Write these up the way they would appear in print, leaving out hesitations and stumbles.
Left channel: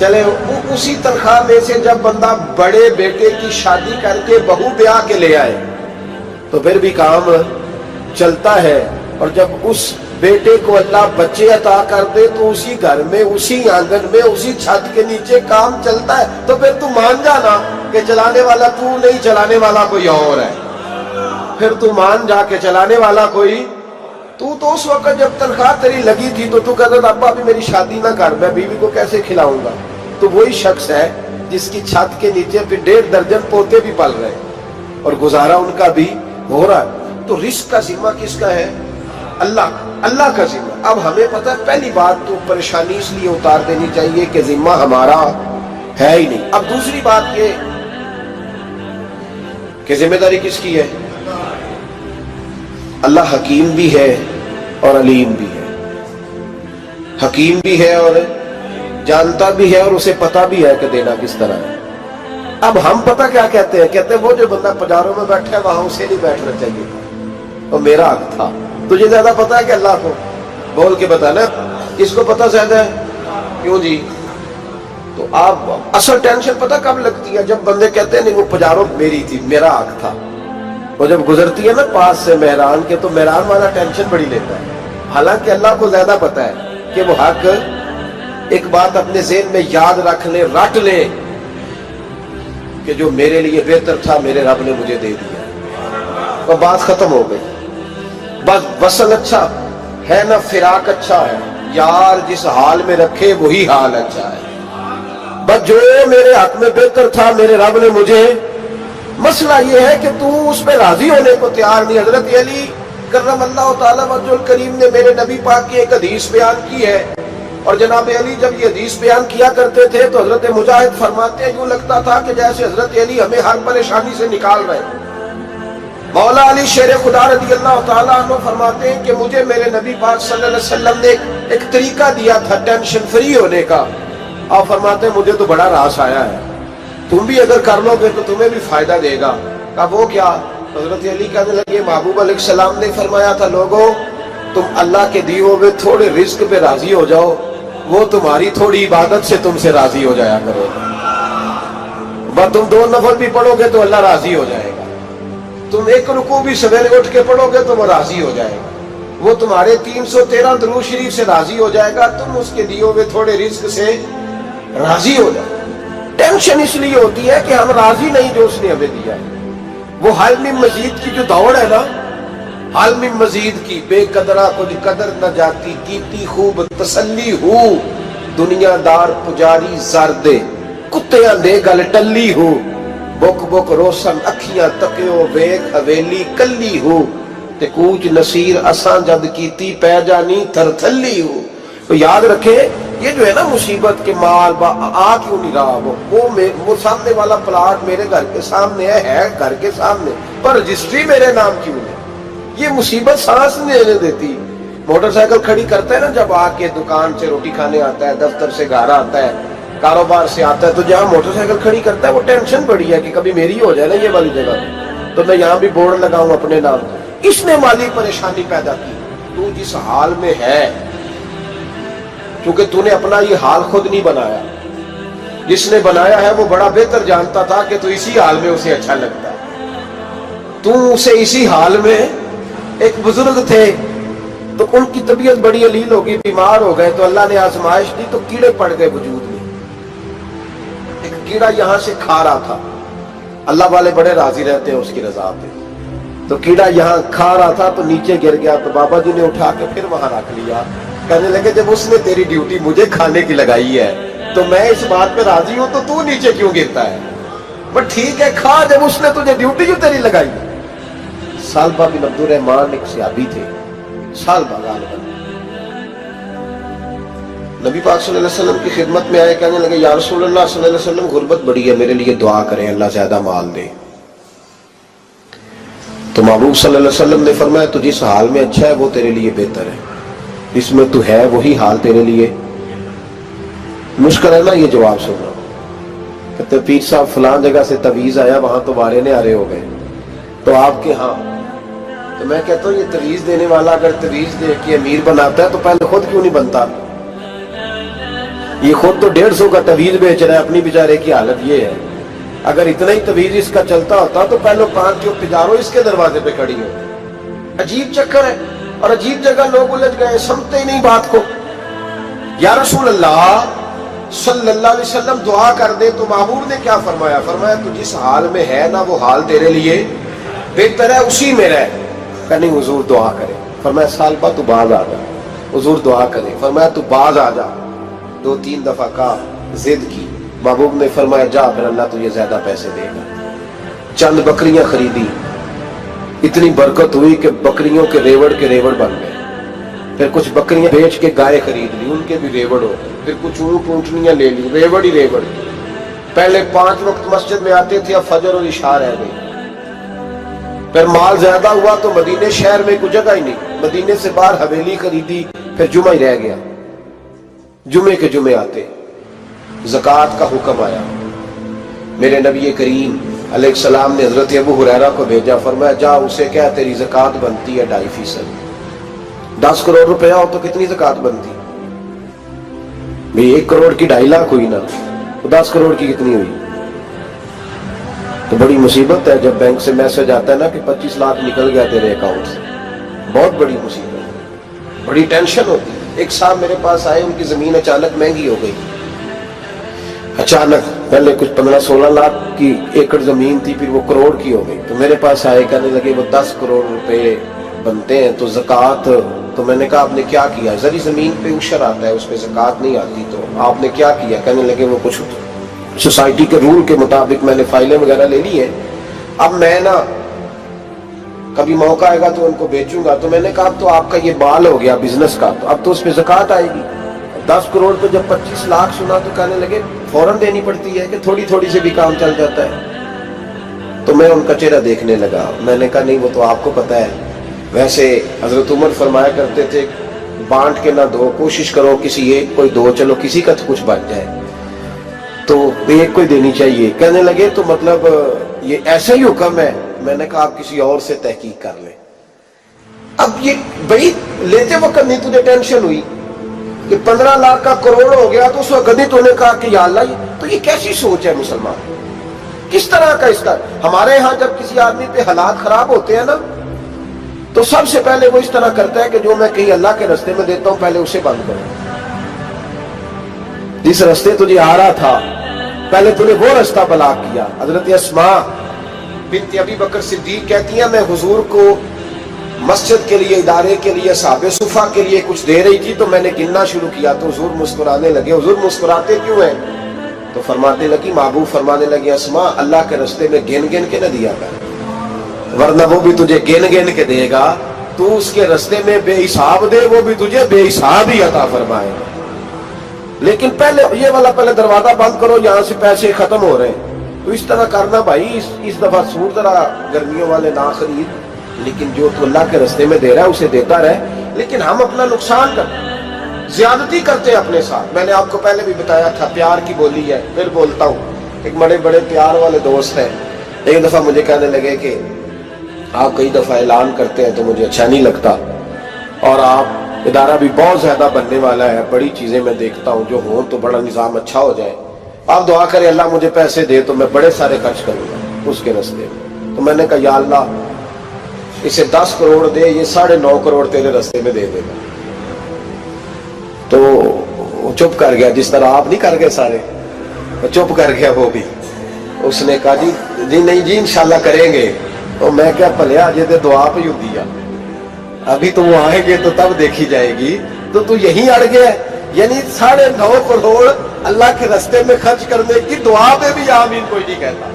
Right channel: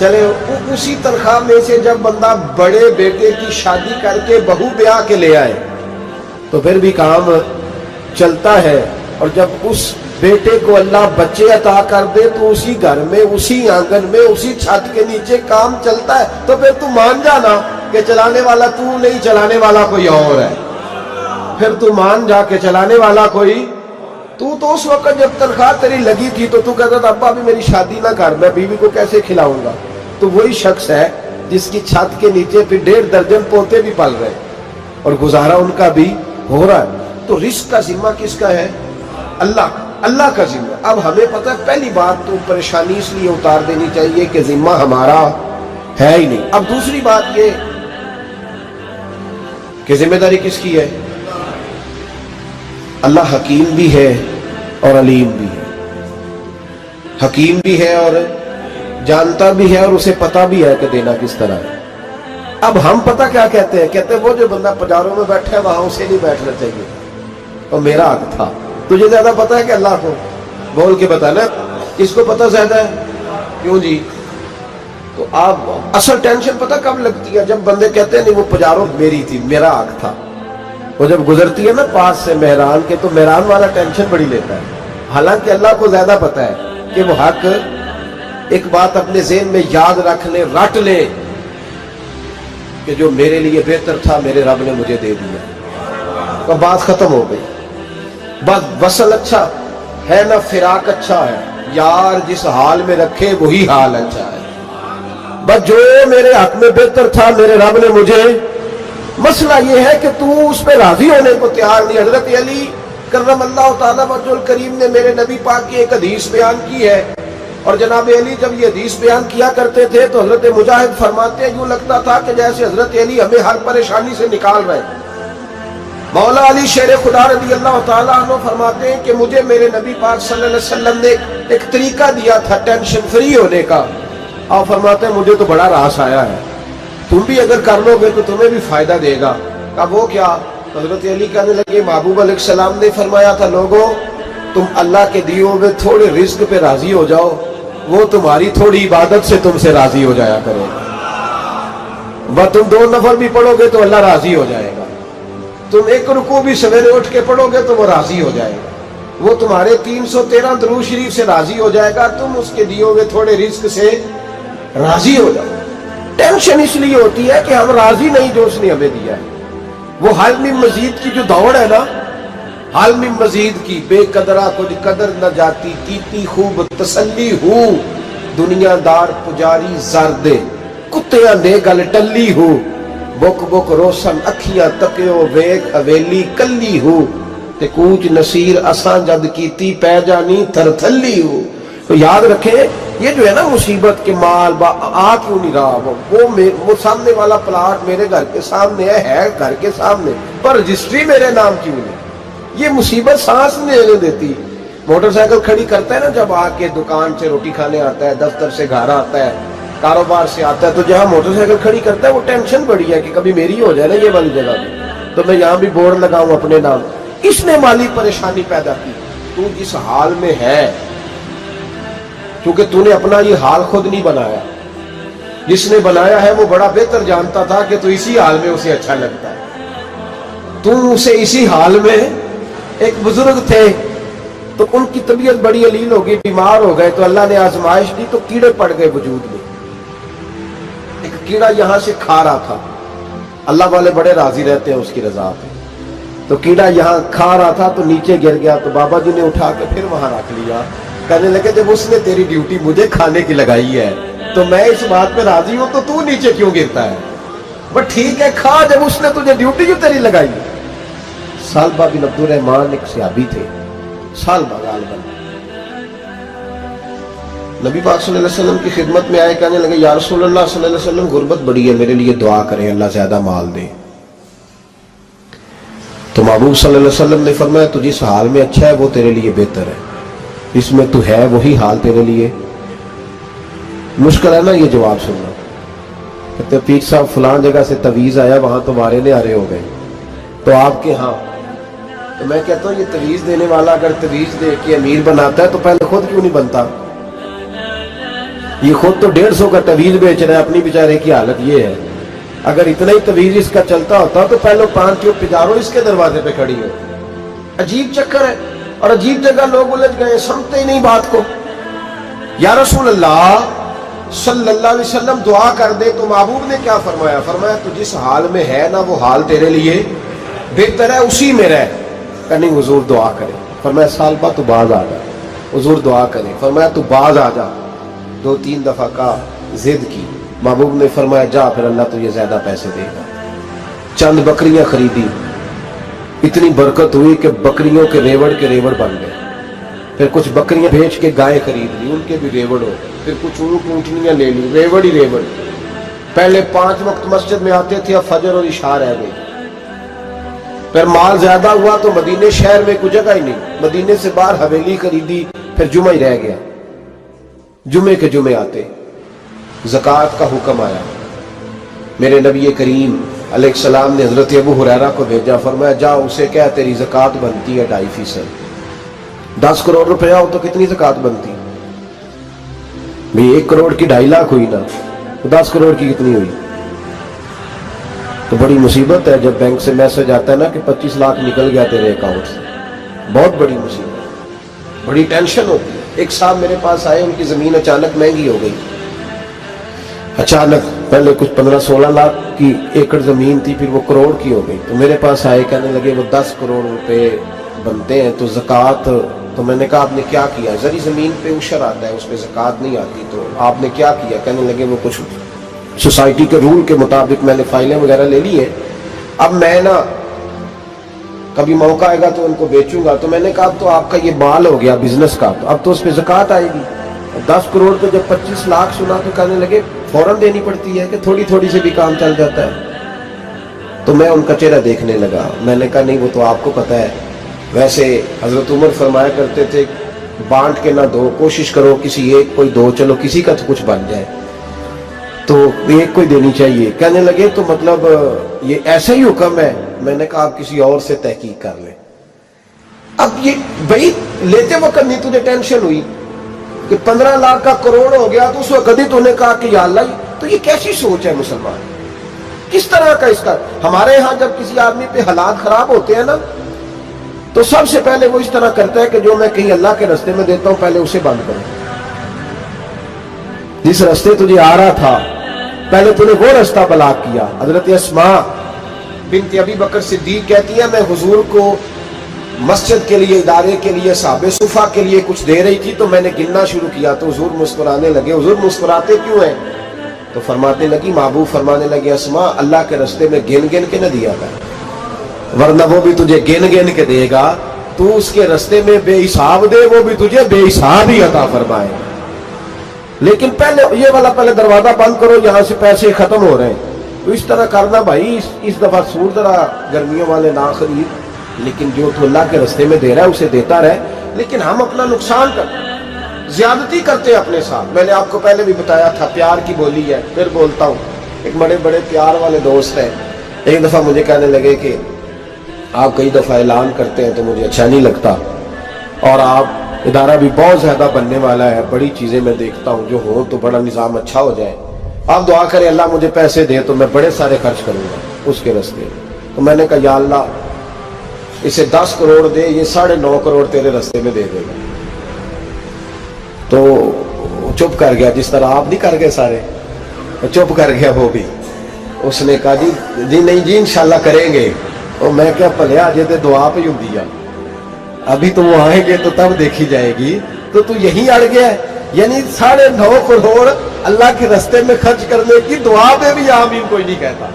چلے اسی تنخواہ میں سے جب بندہ بڑے بیٹے کی شادی کر کے بہو بیاہ کے لے آئے تو پھر بھی کام چلتا ہے، اور جب اس بیٹے کو اللہ بچے عطا کر دے تو اسی گھر میں، اسی آنگن میں، اسی چھت کے نیچے کام چلتا ہے۔ تو پھر تو مان جانا کہ چلانے والا تو نہیں، چلانے والا کوئی اور ہے۔ پھر تو مان جا کہ چلانے والا کوئی تو اس وقت جب تنخواہ تیری لگی تھی تو کہتا تھا ابا ابھی میری شادی نہ کر، میں بیوی کو کیسے کھلاؤں گا؟ تو وہی شخص ہے جس کی چھت کے نیچے پھر 1.5 درجن پوتے بھی پل رہے اور گزارا ان کا بھی ہو رہا ہے۔ تو رزق کا ذمہ کس کا ہے؟ اللہ کا ذمہ۔ اب ہمیں پتہ ہے پہلی بات تو پریشانی اس لیے اتار دینی چاہیے کہ ذمہ ہمارا ہے ہی نہیں۔ اب دوسری بات یہ کہ ذمہ داری کس کی ہے؟ اللہ حکیم بھی ہے اور علیم بھی ہے، حکیم بھی ہے اور جانتا بھی ہے اور اسے پتہ بھی ہے کہ دینا کس طرح ہے۔ اب ہم پتہ کیا کہتے ہیں؟ کہتے ہیں وہ جو بندہ پجاروں میں بیٹھا ہے وہاں اسے نہیں بیٹھنا چاہیے تھا، اور میرا حق تھا۔ تجھے زیادہ پتہ ہے کہ اللہ کو؟ بول کے بتانا کس کو پتہ زیادہ ہے؟ کیوں جی؟ تو آپ اصل ٹینشن پتہ کب لگتی ہے؟ جب بندے کہتے ہیں نہیں وہ پجاروں میری تھی، میرا حق تھا۔ وہ جب گزرتی ہے نا پاس سے مہران کے تو مہران والا ٹینشن بڑی لیتا ہے، حالانکہ اللہ کو زیادہ پتہ ہے کہ وہ حق۔ ایک بات اپنے ذہن میں یاد رکھ لیں، رٹ لیں کہ جو میرے لیے بہتر تھا میرے رب نے مجھے دے دیا، تو بات ختم ہو گئی۔ بس وصل اچھا ہے نہ فراق اچھا ہے، یار جس حال میں رکھے وہی حال اچھا ہے۔ بس جو میرے حق میں بہتر تھا میرے رب نے مجھے، مسئلہ یہ ہے کہ تو اس پہ راضی ہونے کو تیار نہیں۔ حضرت علی کرم اللہ تعالیٰ وجہ الکریم نے میرے نبی پاک کی ایک حدیث بیان کی ہے، اور جناب علی جب یہ حدیث بیان کیا کرتے تھے تو حضرت مجاہد فرماتے ہیں یوں لگتا تھا کہ جیسے حضرت علی ہمیں ہر پریشانی سے نکال رہے ہیں۔ مولا علی شیر خدا رضی اللہ تعالیٰ عنہ فرماتے ہیں کہ مجھے میرے نبی پاک صلی اللہ علیہ وسلم نے ایک طریقہ دیا تھا ٹینشن فری ہونے کا، اور فرماتے ہیں مجھے تو بڑا راس آیا ہے، تم بھی اگر کر لو گے تو تمہیں بھی فائدہ دے گا۔ کہا وہ کیا؟ حضرت علی کہنے لگے محبوب علیہ السلام نے فرمایا تھا لوگوں تم اللہ کے دیے ہوئے تھوڑے رزق پہ راضی ہو جاؤ، وہ تمہاری تھوڑی عبادت سے تم سے راضی ہو جایا کرے گا۔ بس تم 2 نفل بھی پڑھو گے تو اللہ راضی ہو جائے گا، تم 1 رکوع بھی سویرے اٹھ کے پڑھو گے تو وہ راضی ہو جائے گا، وہ تمہارے 313 درود شریف سے راضی ہو جائے گا، تم اس کے دیے ہوئے تھوڑے رزق سے راضی ہو جاؤ۔ ٹینشن اس لیے ہوتی ہے کہ ہم راضی نہیں جو اس نے ہمیں دیا ہے۔ وہ حل میں مزید کی جو دوڑ ہے نا، حل میں مزید کی، بے قدرہ کچھ قدر نہ جاتی، کیتی خوب تسلی ہو، دنیا دار پجاری زردے، کتیاں دے گل ٹلی ہو، بک بک روشن اکھیاں تکیو ویک حویلی کلی ہو، تے کوچ نصیر اساں جد کیتی پہ جانی تھر تھلی ہو۔ تو یاد رکھیں یہ جو ہے نا مصیبت کے مال آ کیوں نہیں رہا، وہ سامنے والا پلاٹ میرے گھر کے سامنے ہے گھر کے سامنے، پر رجسٹری میرے نام کیوں نہیں؟ یہ مصیبت سانس نہیں لینے دیتی۔ موٹر سائیکل کھڑی کرتا ہے نا جب آ کے دکان سے روٹی کھانے آتا ہے، دفتر سے گھر آتا ہے، کاروبار سے آتا ہے، تو جہاں موٹر سائیکل کھڑی کرتا ہے وہ ٹینشن بڑی ہے کہ کبھی میری ہو جائے نا یہ والی جگہ تو میں یہاں بھی بورڈ لگاؤں اپنے نام۔ اس نے مالی پریشانی پیدا کی۔ تو جس حال میں ہے، چونکہ تو نے اپنا یہ حال خود نہیں بنایا، جس نے بنایا ہے وہ بڑا بہتر جانتا تھا کہ تو اسی حال میں اسے اچھا لگتا ہے۔ تو اسے اسی حال میں، ایک بزرگ تھے تو ان کی طبیعت بڑی علیل ہو گئی، بیمار ہو گئے، تو اللہ نے آزمائش دی تو کیڑے پڑ گئے وجود میں۔ ایک کیڑا یہاں سے کھا رہا تھا، اللہ والے بڑے راضی رہتے ہیں اس کی رضا پہ، تو کیڑا یہاں کھا رہا تھا تو نیچے گر گیا، تو بابا جی نے اٹھا کے پھر وہاں رکھ لیا، کہنے لگے جب اس نے تیری ڈیوٹی مجھے کھانے کی لگائی ہے تو میں اس بات پہ راضی ہوں تو نیچے کیوں گرتا ہے؟ بس ٹھیک ہے کھا، جب اس نے تجھے ڈیوٹی جو تیری لگائی۔ سالبہ بن عبد الرحمن ایک صحابی تھے، سالبہ غالباً نبی پاک صلی اللہ علیہ وسلم کی خدمت میں آئے، کہنے لگے یا رسول اللہ صلی اللہ علیہ وسلم غربت بڑی ہے، میرے لیے دعا کریں اللہ زیادہ مال دے۔ تو محبوب صلی اللہ علیہ وسلم نے فرمایا تو جس حال میں اچھا ہے وہ تیرے لیے بہتر ہے، جس میں تو ہے وہی حال تیرے لیے مشکل ہے نا یہ جواب سننا۔ کہتے پیر صاحب فلان جگہ سے تویز آیا، وہاں تو وارے نے آرے ہو گئے، تو آپ کے ہاں، تو میں کہتا ہوں یہ تویز دینے والا اگر تویز دے کے امیر بناتا ہے تو پہلے خود کیوں نہیں بنتا؟ یہ خود تو 150 کا تویز بیچ رہا ہے, اپنی بیچارے کی حالت یہ ہے. اگر اتنا ہی تویز اس کا چلتا ہوتا تو پہلے 5 ٹیوب پجارو اس کے دروازے پہ کھڑی ہو. عجیب چکر ہے اور عجیب جگہ لوگ الجھ گئے, سمجھتے ہی نہیں بات کو. یا رسول اللہ صلی اللہ علیہ وسلم دعا کر دے تو محبوب نے کیا فرمایا؟ فرمایا تو جس حال میں ہے نا وہ حال تیرے لیے بہتر ہے, اسی میں رہ. کہ نہیں حضور دعا کرے. فرمایا سال بعد تو باز آ جا. حضور دعا کرے. فرمایا تو باز آ جا. 2-3 دفعہ کا ضد کی. محبوب نے فرمایا جا پھر اللہ تجھے زیادہ پیسے دے گا. چند بکریاں خریدی, اتنی برکت ہوئی کہ بکریوں کے ریوڑ بن گئے. پھر کچھ بکریاں بیچ کے گائے خرید لی, ان کے بھی ریوڑ ہو گئے. پھر کچھ اونٹنیاں لے لی, ریوڑ ہی ریوڑ. پہلے 5 وقت مسجد میں آتے تھے, اب فجر اور عشاء رہ گئی. پھر مال زیادہ ہوا تو مدینے شہر میں کوئی جگہ ہی نہیں, مدینے سے باہر حویلی خریدی, پھر جمعہ ہی رہ گیا. جمعے کے جمعے آتے. زکوٰۃ کا حکم آیا. میرے نبی کریم علیہ السلام نے حضرت ابو ہریرہ کو بھیجا. فرمایا جا اسے کہہ تیری زکوٰۃ بنتی ہے 2.5%. 10 کروڑ روپیہ ہو تو کتنی زکوٰۃ بنتی؟ بھی 1 کروڑ کی 2.5 لاکھ ہوئی نا, تو 10 کروڑ کی کتنی ہوئی؟ تو بڑی مصیبت ہے جب بینک سے میسج آتا ہے نا کہ 25 لاکھ نکل گیا تیرے اکاؤنٹ سے. بہت بڑی مصیبت, بڑی ٹینشن ہوتی ہے. ایک صاحب میرے پاس آئے, ان کی زمین اچانک مہنگی ہو گئی. اچانک پہلے کچھ 15-16 لاکھ کی ایکڑ زمین تھی, پھر وہ کروڑ کی ہو گئی. تو میرے پاس آئے, کہنے لگے وہ 10 کروڑ روپے بنتے ہیں تو زکوٰۃ. تو میں نے کہا آپ نے کیا کیا؟ زری زمین پہ عشر آتا ہے, اس پہ زکوٰۃ نہیں آتی, تو آپ نے کیا کیا؟ کہنے لگے وہ کچھ سوسائٹی کے رول کے مطابق میں نے فائلیں وغیرہ لے لی ہیں, اب میں نا کبھی موقع آئے گا تو ان کو بیچوں گا. تو میں نے کہا اب تو آپ کا یہ مال ہو گیا بزنس کا, تو اب تو اس پہ زکوٰۃ آئے گی. 10 کروڑ تو جب 25 لاکھ سنا تو کہنے لگے فوراً دینی پڑتی ہے کہ تھوڑی تھوڑی سے بھی کام چل جاتا ہے. تو میں ان کا چہرہ دیکھنے لگا. میں نے کہا نہیں وہ تو آپ کو پتہ ہے, ویسے حضرت عمر فرمایا کرتے تھے بانٹ کے نہ دو, کوشش کرو کسی ایک کوئی دو, چلو کسی کا تو کچھ بن جائے, تو ایک کوئی دینی چاہیے. کہنے لگے تو مطلب یہ ایسا ہی حکم ہے؟ میں نے کہا آپ کسی اور سے تحقیق کر لیں. اب یہ بھائی لیتے وقت نہیں تجھے ٹینشن ہوئی کہ 15 لاکھ کا کروڑ ہو گیا, تو اس وقت کبھی تو نے کہا کہ یا اللہ, تو یہ کیسی سوچ ہے مسلمان, کس طرح کا اس کا. ہمارے ہاں جب کسی آدمی پہ حالات خراب ہوتے ہیں نا, تو سب سے پہلے وہ اس طرح کرتا ہے کہ جو میں کہیں اللہ کے رستے میں دیتا ہوں پہلے اسے بند کروں. جس رستے تجھے آ رہا تھا پہلے تو نے وہ رستہ بلاک کیا. حضرت اسماء بنت ابی بکر صدیق کہتی ہیں میں حضور کو مسجد کے لیے, ادارے کے لیے, صحابہ صفا کے لیے کچھ دے رہی تھی, تو میں نے گننا شروع کیا تو حضور مسکرانے لگے. حضور مسکراتے کیوں ہیں؟ تو فرماتے لگی, محبوب فرمانے لگے اسماء اللہ کے رستے میں گن گن کے نہ دیا کر, ورنہ وہ بھی تجھے گن گن کے دے گا. تو اس کے رستے میں بے حساب دے, وہ بھی تجھے بے حساب ہی عطا فرمائے. لیکن پہلے یہ والا پہلے دروازہ بند کرو, یہاں سے پیسے ختم ہو رہے ہیں. تو اس طرح کرنا بھائی. اس دفعہ سور ذرا گرمیوں والے نہ خرید, لیکن جو تو اللہ کے رستے میں دے رہا ہے اسے دیتا رہے. لیکن ہم اپنا نقصان کرتے, زیادتی کرتے اپنے ساتھ. میں نے آپ کو پہلے بھی بتایا تھا پیار کی بولی ہے, پھر بولتا ہوں. ایک بڑے بڑے پیار والے دوست ہیں, ایک دفعہ مجھے کہنے لگے کہ آپ کئی دفعہ اعلان کرتے ہیں تو مجھے اچھا نہیں لگتا, اور آپ ادارہ بھی بہت زیادہ بننے والا ہے, بڑی چیزیں میں دیکھتا ہوں جو ہوں تو بڑا نظام اچھا ہو جائے, آپ دعا کریں اللہ مجھے پیسے دے تو میں بڑے سارے خرچ کروں گا اس کے رستے میں. تو میں نے کہا یا اللہ اسے 10 کروڑ دے, یہ 9.5 کروڑ تیرے رستے میں دے دے گا. تو چپ کر گیا, جس طرح آپ نہیں کر گئے سارے, چپ کر گیا وہ بھی. اس نے کہا جی نہیں جی انشاءاللہ کریں گے. تو میں کیا بھلے آجے تے دعا پہ ہوں دیا, ابھی تو وہ آئیں گے تو تب دیکھی جائے گی. تو یہیں اڑ گیا ہے, یعنی 9.5 کروڑ اللہ کے رستے میں خرچ کرنے کی دعا پہ بھی آمین کوئی نہیں کہتا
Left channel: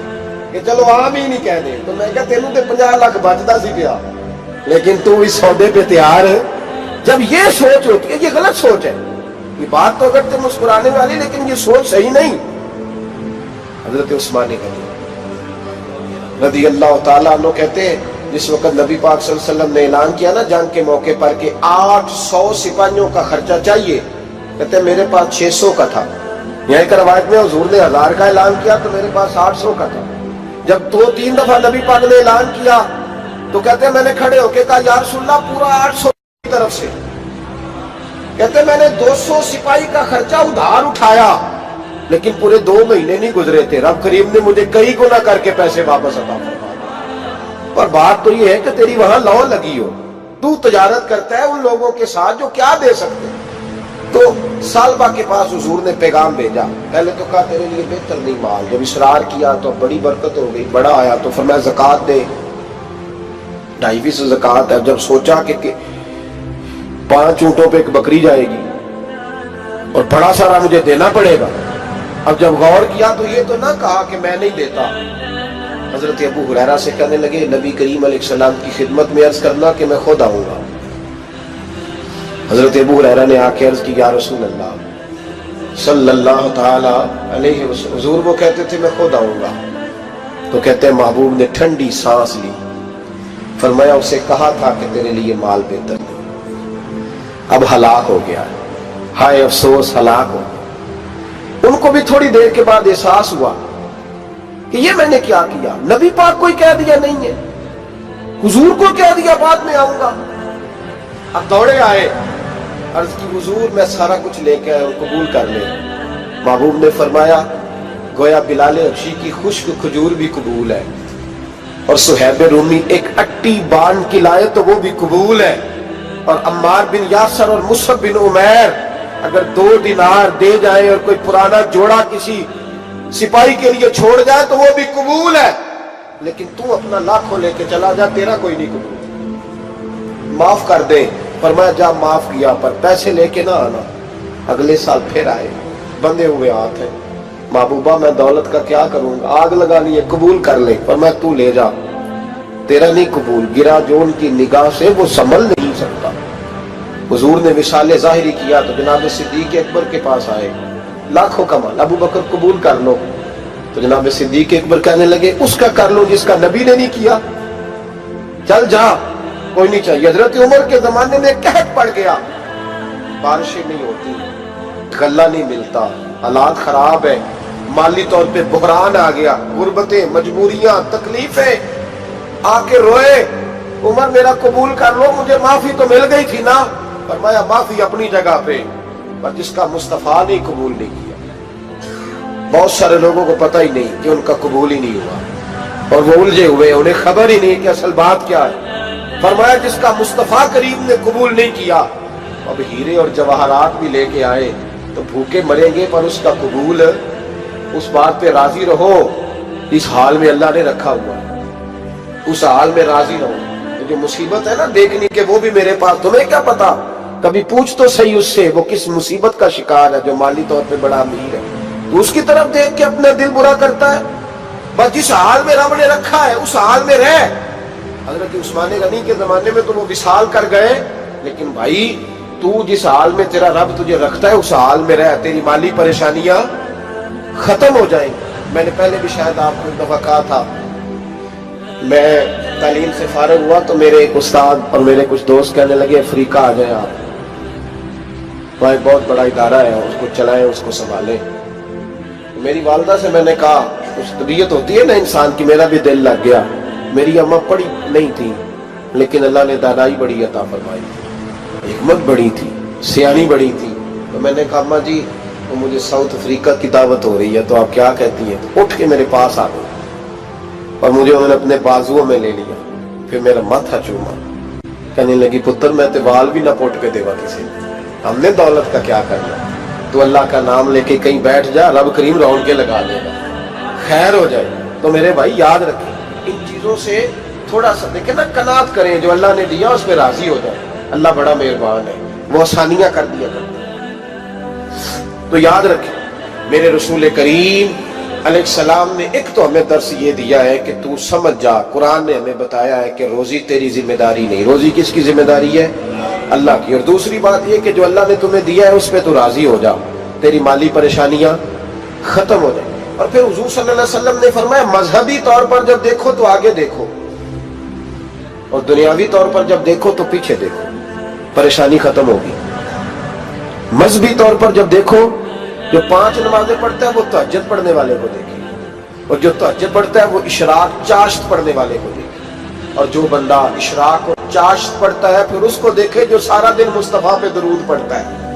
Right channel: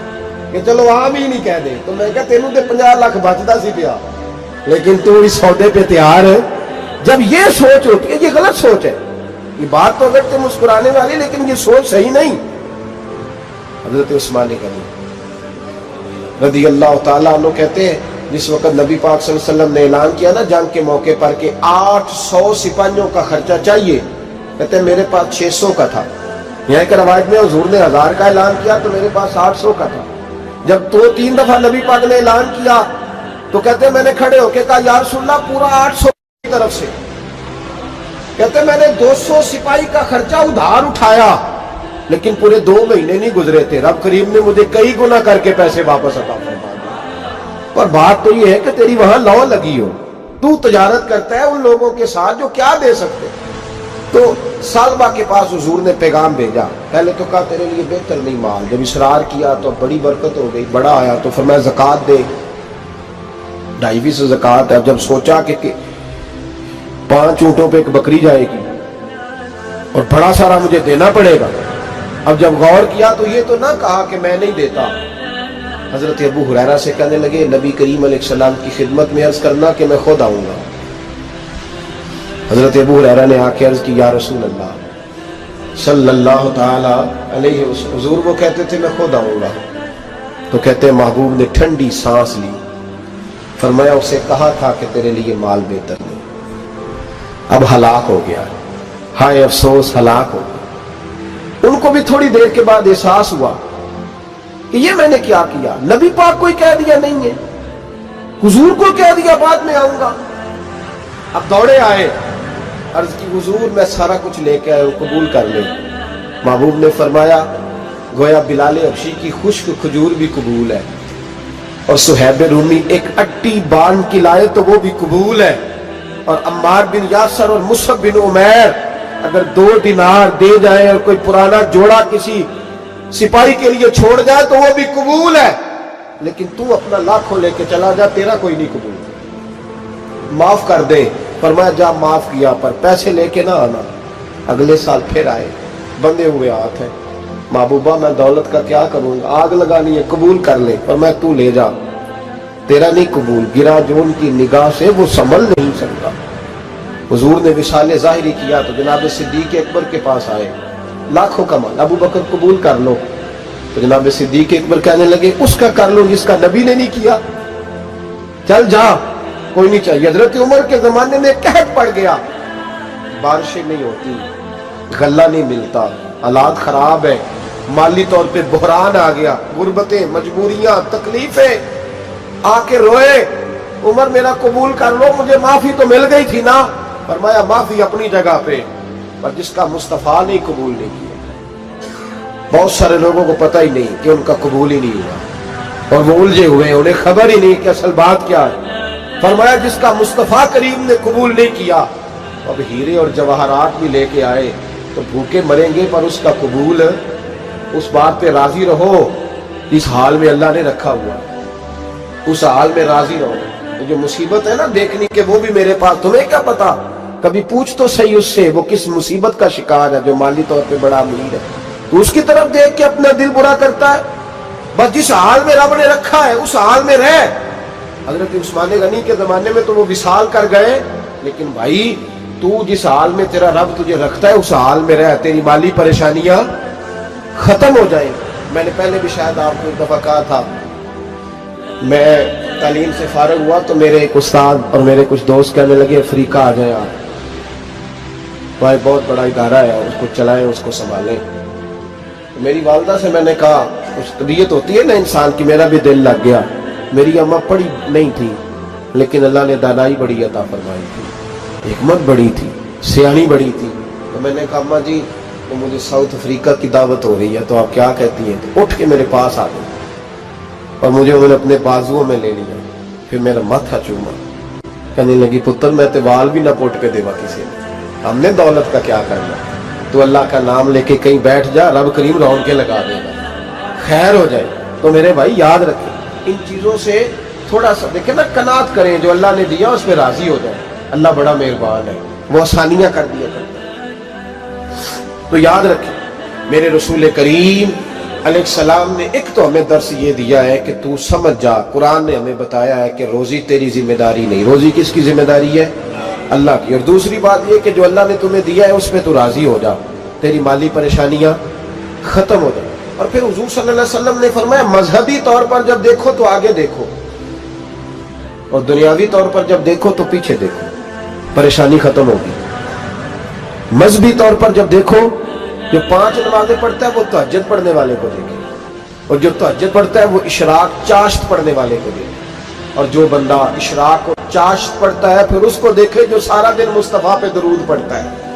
کہ چلو آمین ہی کہہ دیں. تو میں کہا تینوں تے 50 لاکھ بچتا سی پیا, لیکن تو اس سودے پہ تیار ہے. جب یہ سوچ ہوتی ہے, یہ غلط سوچ ہے. یہ بات تو اگر تم مسکرانے والی, لیکن یہ سوچ صحیح نہیں. حضرت عثمان غنی رضی اللہ تعالیٰ عنہ کہتے ہیں جس وقت نبی پاک صلی اللہ علیہ وسلم نے اعلان کیا نا جنگ کے موقع پر کہ 800 سپاہیوں کا خرچہ چاہیے, کہتے ہیں میرے پاس 600 کا تھا. یہاں ایک روایت میں حضور نے 1000 کا اعلان کیا تو میرے پاس 800 کا تھا. جب 2-3 دفعہ نبی پاک نے اعلان کیا تو کہتے ہیں میں نے کھڑے ہو کے کہا یا رسول اللہ پورا 800 کی طرف سے. کہتے میں نے 200 سپاہی کا خرچہ ادھار اٹھایا لیکن پورے 2 مہینے نہیں گزرے تھے، رب کریم نے مجھے کئی گنا کر کے پیسے واپس عطا فرما دیے۔ پر بات تو یہ ہے کہ تیری وہاں لو لگی ہو، تو تجارت کرتا ہے ان لوگوں کے ساتھ جو کیا دے سکتے۔ تو سالبہ کے پاس حضور نے پیغام بھیجا، پہلے تو کہا تیرے لیے بہتر نہیں مال، جب اصرار کیا تو بڑی برکت ہو گئی، بڑا آیا تو فرمایا زکوٰۃ دے، 2.5% زکوٰۃ ہے۔ جب سوچا کہ 5 اونٹوں پہ ایک بکری جائے گی اور بڑا سارا مجھے دینا پڑے گا، اب جب غور کیا تو یہ تو نہ کہا کہ میں نہیں دیتا۔ حضرت ابو ہریرہ سے کہنے لگے نبی کریم علیہ السلام کی خدمت میں عرض کرنا کہ میں خود آؤں گا۔ حضرت ابو ہریرہ نے آ کے عرض کی یا رسول اللہ صلی اللہ تعالی علیہ وسلم، حضور وہ کہتے تھے میں خود آؤں گا، تو کہتے ہیں محبوب نے ٹھنڈی سانس لی، فرمایا اسے کہا تھا کہ تیرے لیے مال بہتر نہیں، اب ہلاک ہو گیا، ہائے افسوس ہلاک ہو گیا۔ ان کو بھی تھوڑی دیر کے بعد احساس ہوا کہ یہ میں نے کیا کیا، نبی پاک کوئی کہہ دیا نہیں ہے، حضور کو کہہ دیا بعد میں آؤں گا۔ اب دوڑے آئے، عرض کی حضور میں سارا کچھ لے کے آیا، قبول کر لیں۔ محبوب نے فرمایا گویا بلال حبشی کی خشک کھجور بھی قبول ہے، اور صہیب رومی ایک اٹی بان کی لائے تو وہ بھی قبول ہے، اور عمار بن یاسر اور مصعب بن عمیر اگر 2 دینار دے جائے اور کوئی پرانا جوڑا کسی سپاہی کے لیے چھوڑ جائے تو وہ بھی قبول ہے، لیکن تو اپنا لاکھوں لے کے چلا جا، تیرا کوئی نہیں قبول، معاف کر دیں۔ فرمایا جا معاف کیا، پر پیسے لے کے نہ آنا۔ اگلے سال پھر آئے، بندے ہوئے ہاتھ ہیں، محبوبہ میں دولت کا کیا کروں گا، آگ لگانی ہے، قبول کر لیں۔ فرمایا تو لے جا، تیرا نہیں قبول، گرا جو ان کی نگاہ سے وہ سنبھل نہیں سکتا۔ حضور نے وصال ظاہری کیا تو جناب صدیق اکبر کے پاس آئے، لاکھوں کا مال، ابو بکر قبول کر لو، تو جناب صدیق اکبر کہنے لگے اس کا کر لو جس کا نبی نے نہیں کیا، چل جا کوئی نہیں چاہیے۔ حضرت عمر کے زمانے میں قحط پڑ گیا، بارشیں نہیں ہوتی، غلہ نہیں ملتا، حالات خراب ہے، مالی طور پہ بحران آ گیا، غربتیں، مجبوریاں، تکلیفیں، آ کے روئے، عمر میرا قبول کر لو، مجھے معافی تو مل گئی تھی نا۔ فرمایا معافی اپنی جگہ پہ، پر جس کا مصطفیٰ نے قبول نہیں کیا۔ بہت سارے لوگوں کو پتہ ہی نہیں کہ ان کا قبول ہی نہیں ہوا، اور وہ الجھے ہوئے، انہیں خبر ہی نہیں کہ اصل بات کیا ہے۔ فرمایا جس کا مصطفیٰ کریم نے قبول نہیں کیا، اب ہیرے اور جواہرات بھی لے کے آئے تو بھوکے مریں گے، پر اس کا قبول، اس بات پہ راضی رہو، اس حال میں اللہ نے رکھا ہوا، اس حال میں راضی رہو۔ جو مصیبت ہے نا دیکھنی کہ وہ بھی میرے پاس، تمہیں کیا پتا، کبھی پوچھ تو صحیح اس سے وہ کس مصیبت کا شکار ہے، جو مالی طور پہ بڑا امیر ہے، تو اس کی طرف دیکھ کے اپنا دل برا کرتا ہے۔ بس جس حال میں رب نے رکھا ہے اس حال میں رہ۔ حضرت عثمان غنی کے زمانے میں تو وہ وصال کر گئے، لیکن بھائی تو جس حال میں تیرا رب تجھے رکھتا ہے اس حال میں رہ، تیری مالی پریشانیاں ختم ہو جائیں۔ میں نے پہلے بھی شاید آپ کو ایک دفعہ کہا تھا، میں تعلیم سے فارغ ہوا تو میرے ایک استاد اور میرے کچھ دوست کہنے لگے افریقہ آ جائیں آپ، بھائی بہت بڑا ادارہ ہے، اس کو چلائیں، اس کو سنبھالیں۔ میری والدہ سے میں نے کہا، کچھ طبیعت ہوتی ہے نا انسان کی، میرا بھی دل لگ گیا۔ میری اماں پڑھی نہیں تھی لیکن اللہ نے دانائی بڑی عطا فرمائی تھی، حکمت بڑی تھی، سیانی بڑی تھی۔ تو میں نے کہا اماں جی وہ مجھے ساؤتھ افریقہ کی دعوت ہو رہی ہے تو آپ کیا کہتی ہیں؟ تو اٹھ کے میرے پاس آ گئی اور مجھے انہوں نے اپنے بازوؤں میں لے لیا، پھر میرا ماتھا چوما، کہنے لگی پتر میں تے وال بھی نہ پوٹ کے دیوا کسی نے، ہم نے دولت کا کیا کرنا، تو اللہ کا نام لے کے کہیں بیٹھ جا، رب کریم رونقیں لگا دے گا، خیر ہو جائے۔ تو میرے بھائی یاد رکھیں ان چیزوں سے تھوڑا سا دیکھیں نا، قناعت کریں، جو اللہ نے دیا اس پہ راضی ہو جائیں، اللہ بڑا مہربان ہے، وہ آسانیاں کر دیا کرتا ہے۔ تو یاد رکھیں میرے رسول کریم علیہ السلام نے ایک تو ہمیں درس یہ دیا ہے کہ تو سمجھ جا، قرآن نے ہمیں بتایا ہے کہ روزی تیری ذمہ داری نہیں، روزی کس کی ذمہ داری ہے؟ اللہ کی۔ اور دوسری بات یہ کہ جو اللہ نے تمہیں دیا ہے اس پہ تو راضی ہو جا، تیری مالی پریشانیاں ختم ہو جائیں۔ اور پھر حضور صلی اللہ علیہ وسلم نے فرمایا مذہبی طور پر جب دیکھو تو آگے دیکھو، اور دنیاوی طور پر جب دیکھو تو پیچھے دیکھو، پریشانی ختم ہوگی۔ مذہبی طور پر جب دیکھو، جو 5 نمازیں پڑھتا ہے وہ تہجد پڑھنے والے کو دیکھے، اور جو تہجد پڑھتا ہے وہ اشراق چاشت پڑھنے والے کو دیکھے، اور جو بندہ اشراق اور چاشت پڑھتا ہے پھر اس کو دیکھے جو سارا دن مصطفیٰ پہ درود پڑھتا ہے۔